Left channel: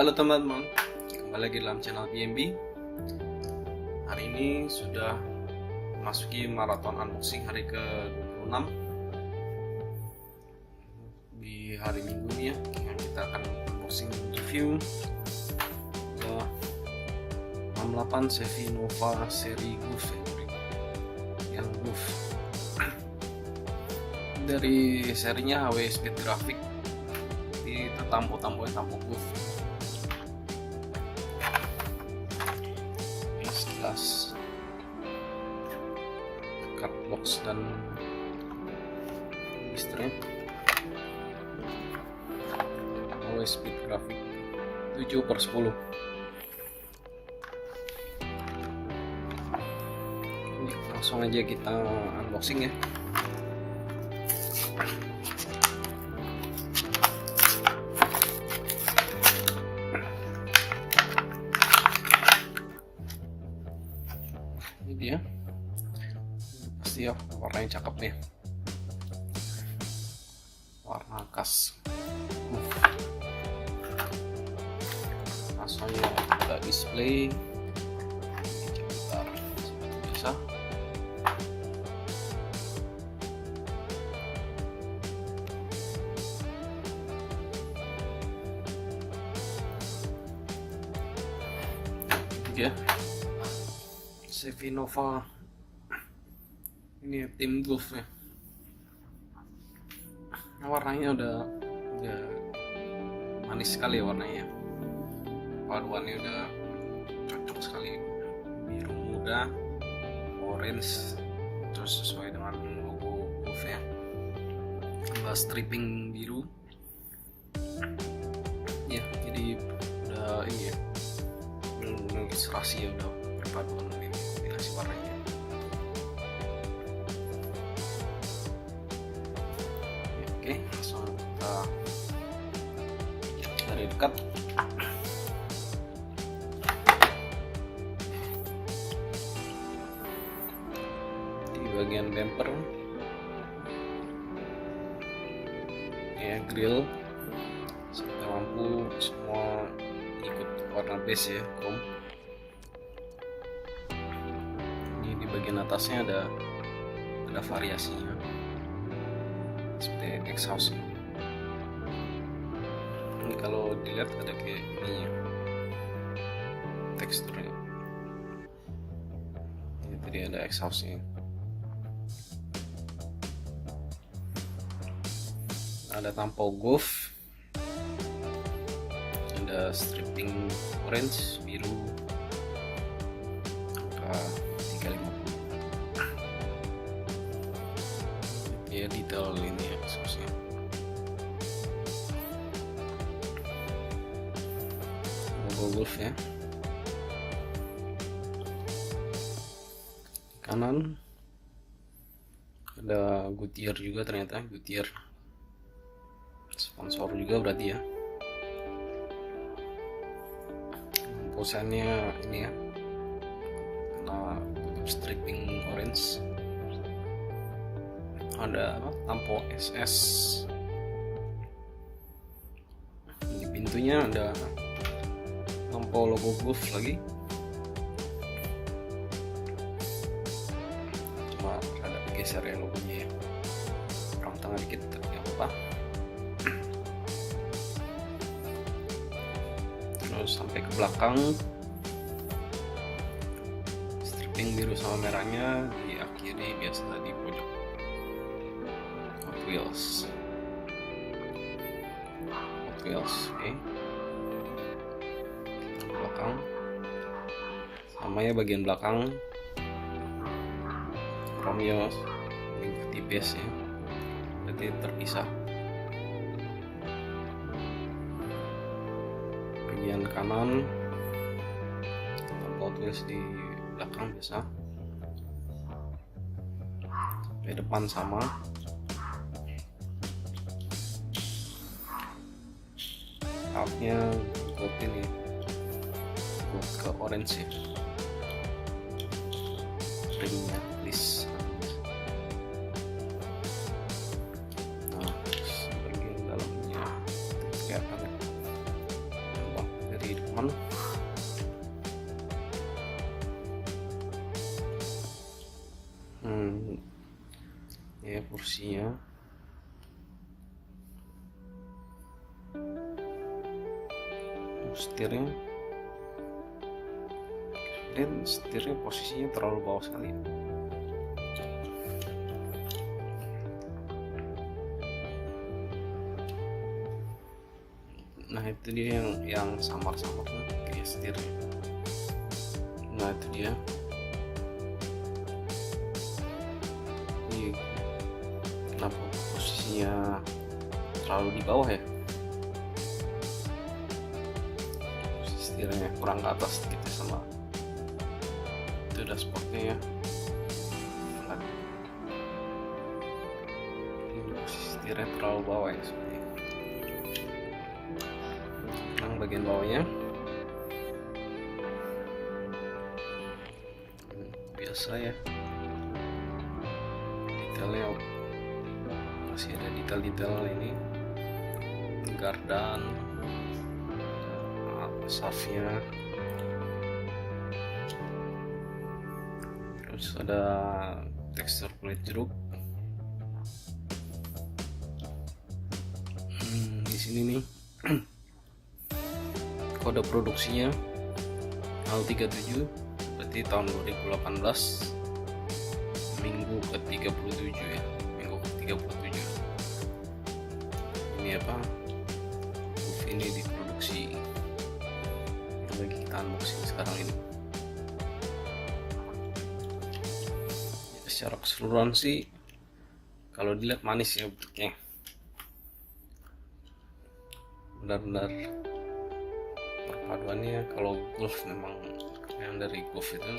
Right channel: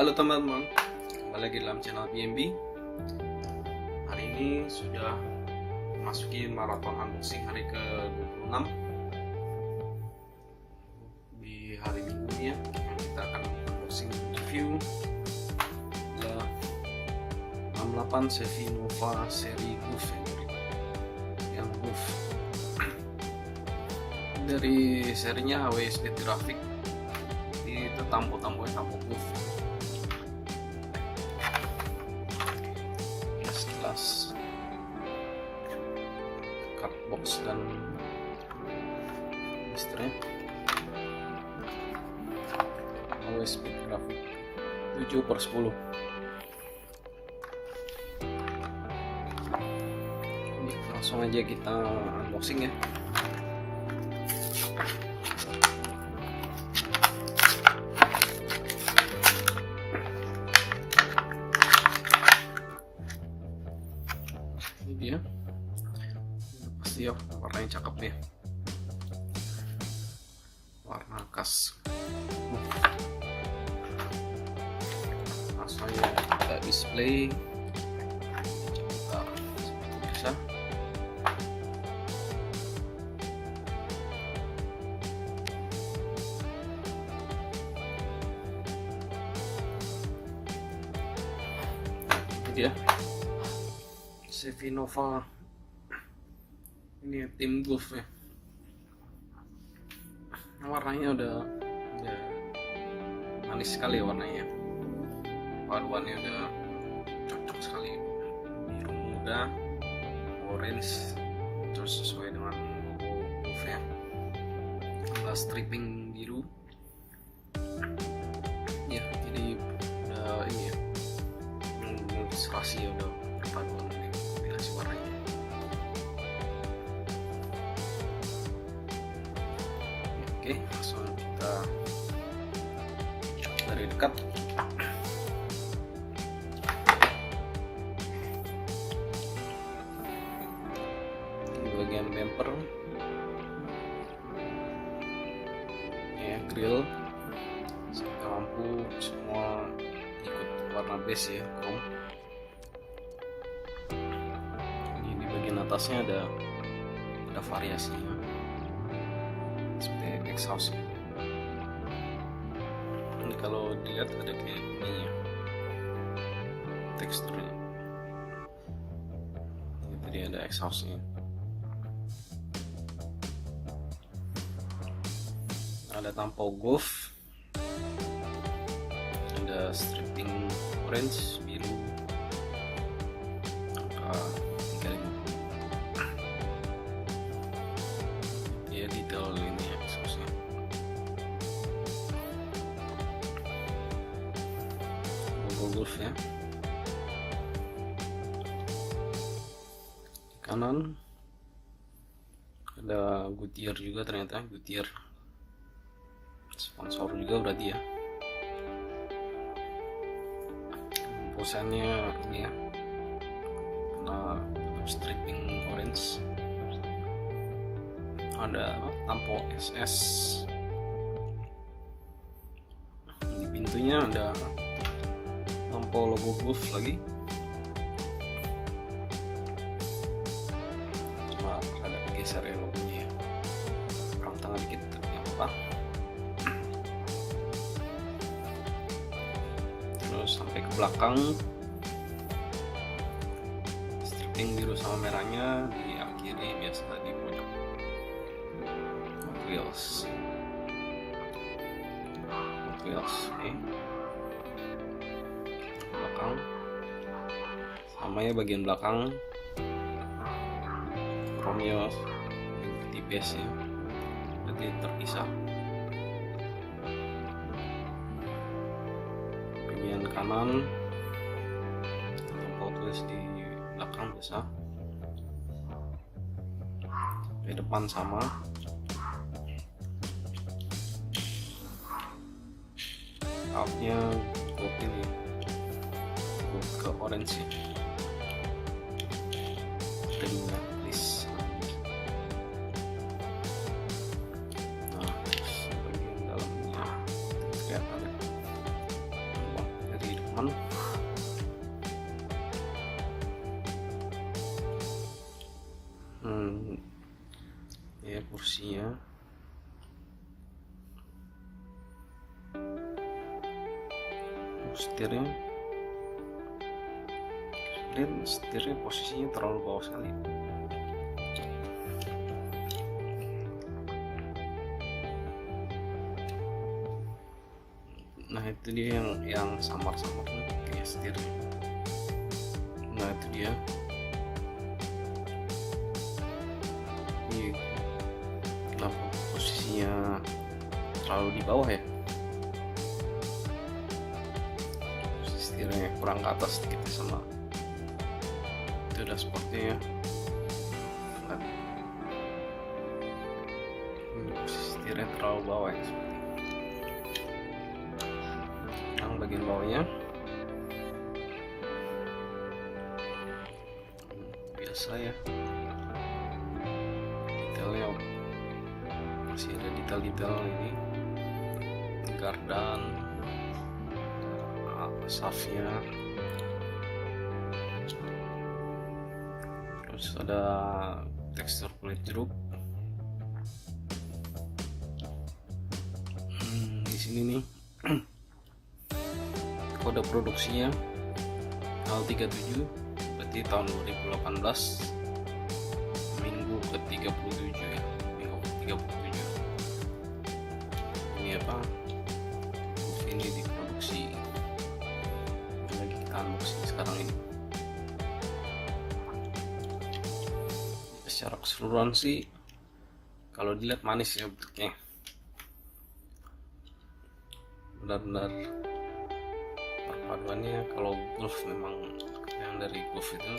Halo teman-teman, kembali lagi dalam channel BMB. Hari ini sudah memasuki maraton unboxing hari ke-26 di hari Minggu ini ya. Yang kita akan unboxing review adalah 68 Chevy Nova seri Goof yang Goof dari serinya HW Speed Graphic. Itu tampo-tamponya tampo Goof. Sekilas cardbox dan blisternya HW Speed Graphic 7/10. Ini langsung aja kita unboxing ya. Ini dia, pasti ya warnanya cakep nih, warna khas. Langsung aja kita display sebentar seperti biasa. Ini dia Chevy Nova, ini tim Goof ya. Warnanya udah manis sekali ya warnanya. Paduannya udah cocok sekali, biru muda, orange, terus sesuai dengan logo Goof ya. Tambah striping biru. Ya, jadi udah ini ya, benar-benar serasi ya, udah perpaduan kombinasi warnanya. Oke, langsung kita dari dekat. Di bagian bumper ya, grill, lampu semua ikut warna beige ya, chrome. Ini di bagian atasnya ada variasinya seperti exhaust. Ini kalau dilihat ada kayak ini ya, teksturnya. Ini tadi ada exhaustnya. Ada tampau Goof, ada striping orange, biru, angka 350. Ya, detail ini ya, susah. Logo Goof ya. Kanan ada Goodyear juga, ternyata Goodyear sponsor juga berarti ya. Posannya ini ya, kena tutup striping orange. Ada tampo SS. Di pintunya ada tampo logo Goof lagi. Cuma ada geser ya logonya ya, kurang tengah dikit, nggak apa-apa. Terus sampai ke belakang, striping biru sama merahnya diakhiri biasa di pojok hotwheels. Oke. Belakang sama ya, bagian belakang chrome tipis ya, berarti terpisah. Bagian kanan tampak Hotwheels di belakang biasa. Di depan sama. Outnya Goof ini, Goof ke orange ya. Ringnya list. Nah, bagian dalamnya kelihatan ya. Ya kursinya setirnya posisinya terlalu bawah sekali. Nah itu dia yang samar-samar tuh kayak setirnya. Nah itu dia. Ini kenapa posisinya terlalu di bawah ya? Posisi setirnya kurang ke atas sedikit sama itu dashboardnya ya. Flat. Ini posisi setirnya terlalu bawah ya, seperti yang bagian bawahnya biasa ya, detailnya masih ada detail-detail ini, gardan, safnya, terus ada tekstur kulit jeruk. Di sini nih kode produksinya tanggal 37, berarti tahun 2018, minggu ke-37 ya, minggu ke-37. Ini apa, roof ini diproduksi yang lagi kita unboxing sekarang ini. Secara keseluruhan sih kalau dilihat manis ya bentuknya, benar-benar perpaduannya. Kalau Golf memang yang dari Golf itu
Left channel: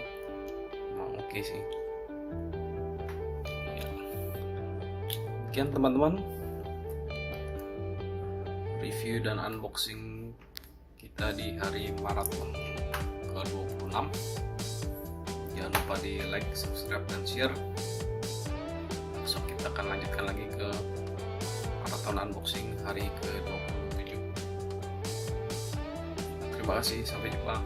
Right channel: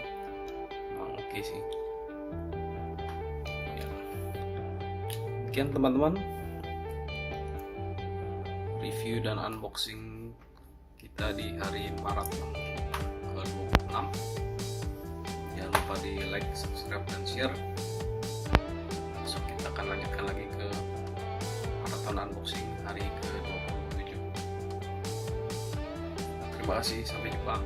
memang oke sih ya. Sekian teman-teman review dan unboxing kita di hari maraton ke-26. Jangan lupa di like, subscribe, dan share. Besok kita akan lanjutkan lagi ke maraton unboxing hari ke-27. Terima kasih, sampai jumpa.